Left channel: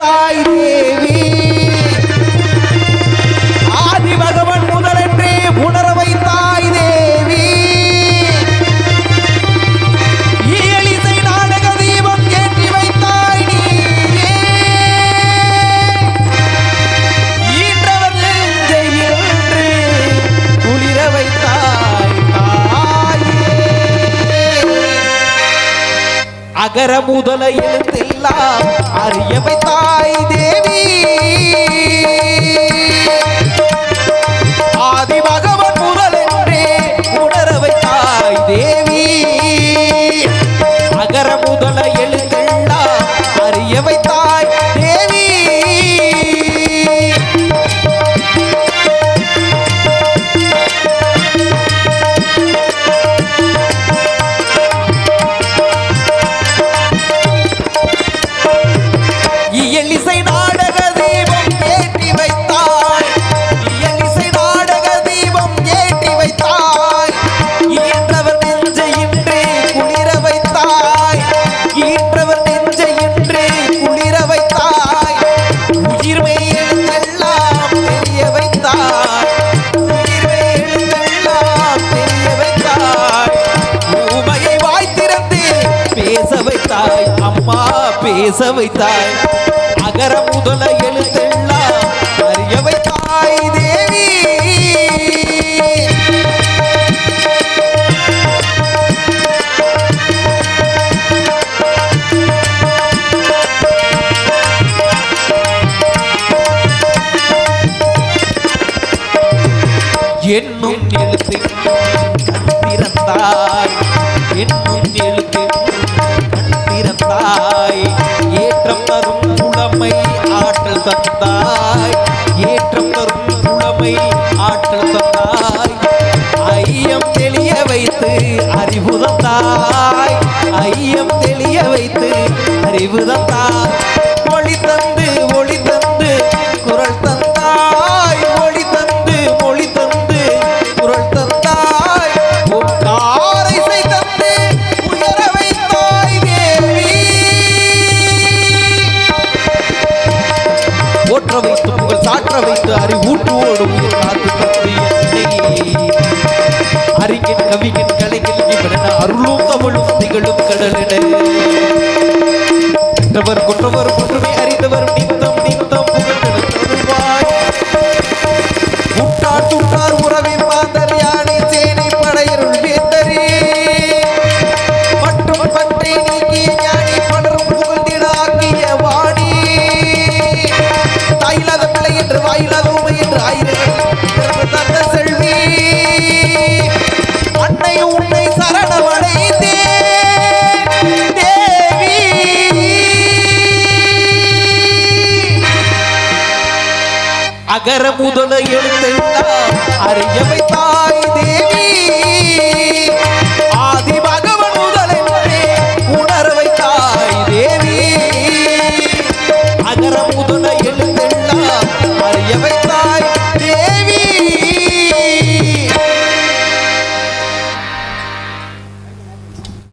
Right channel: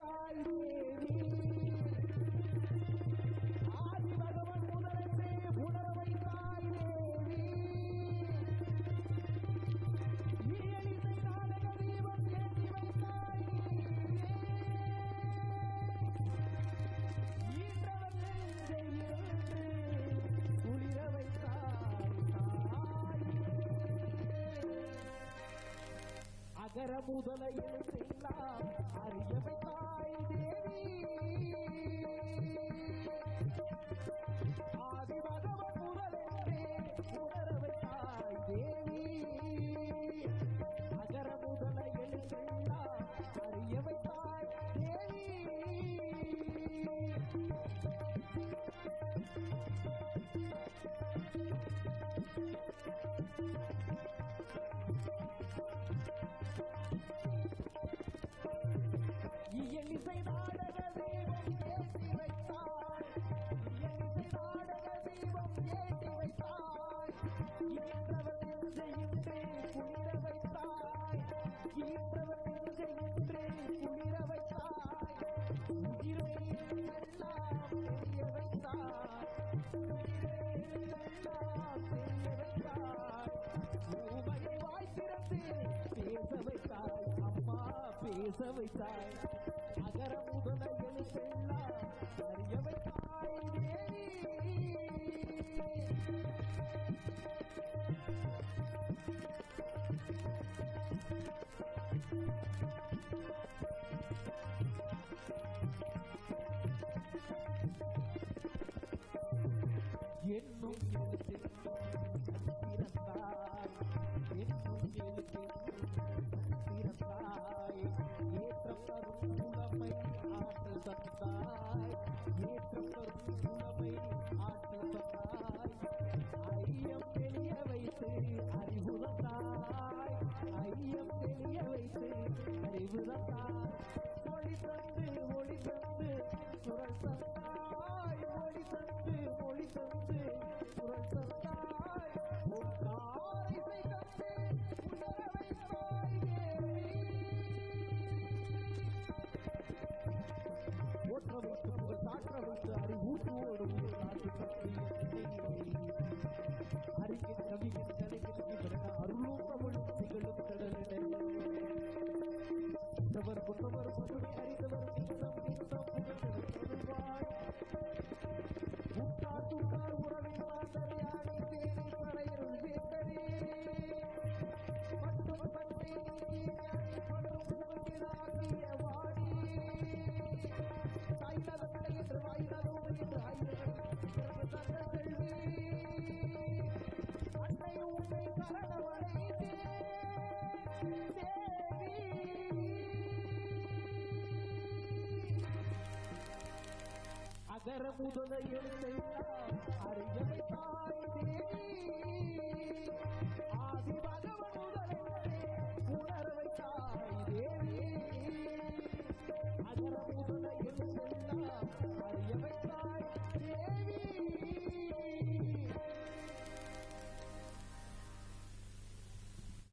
I அகர முதலையில் எல்லாம் அறியவை தாய் பேச வைத்தாய். அகர முதல எழுத்தெல்லாம் அறிய வைத்தாய் தேவி. என்னும் எழுத்து கண் என்னும் எழுத்து போற்ற வைத்து புகழ் சாற்ற வைத்து அறிவூட்டுவோடும் கர முதல எழுத்தெல்லாம் அறிய வைத்த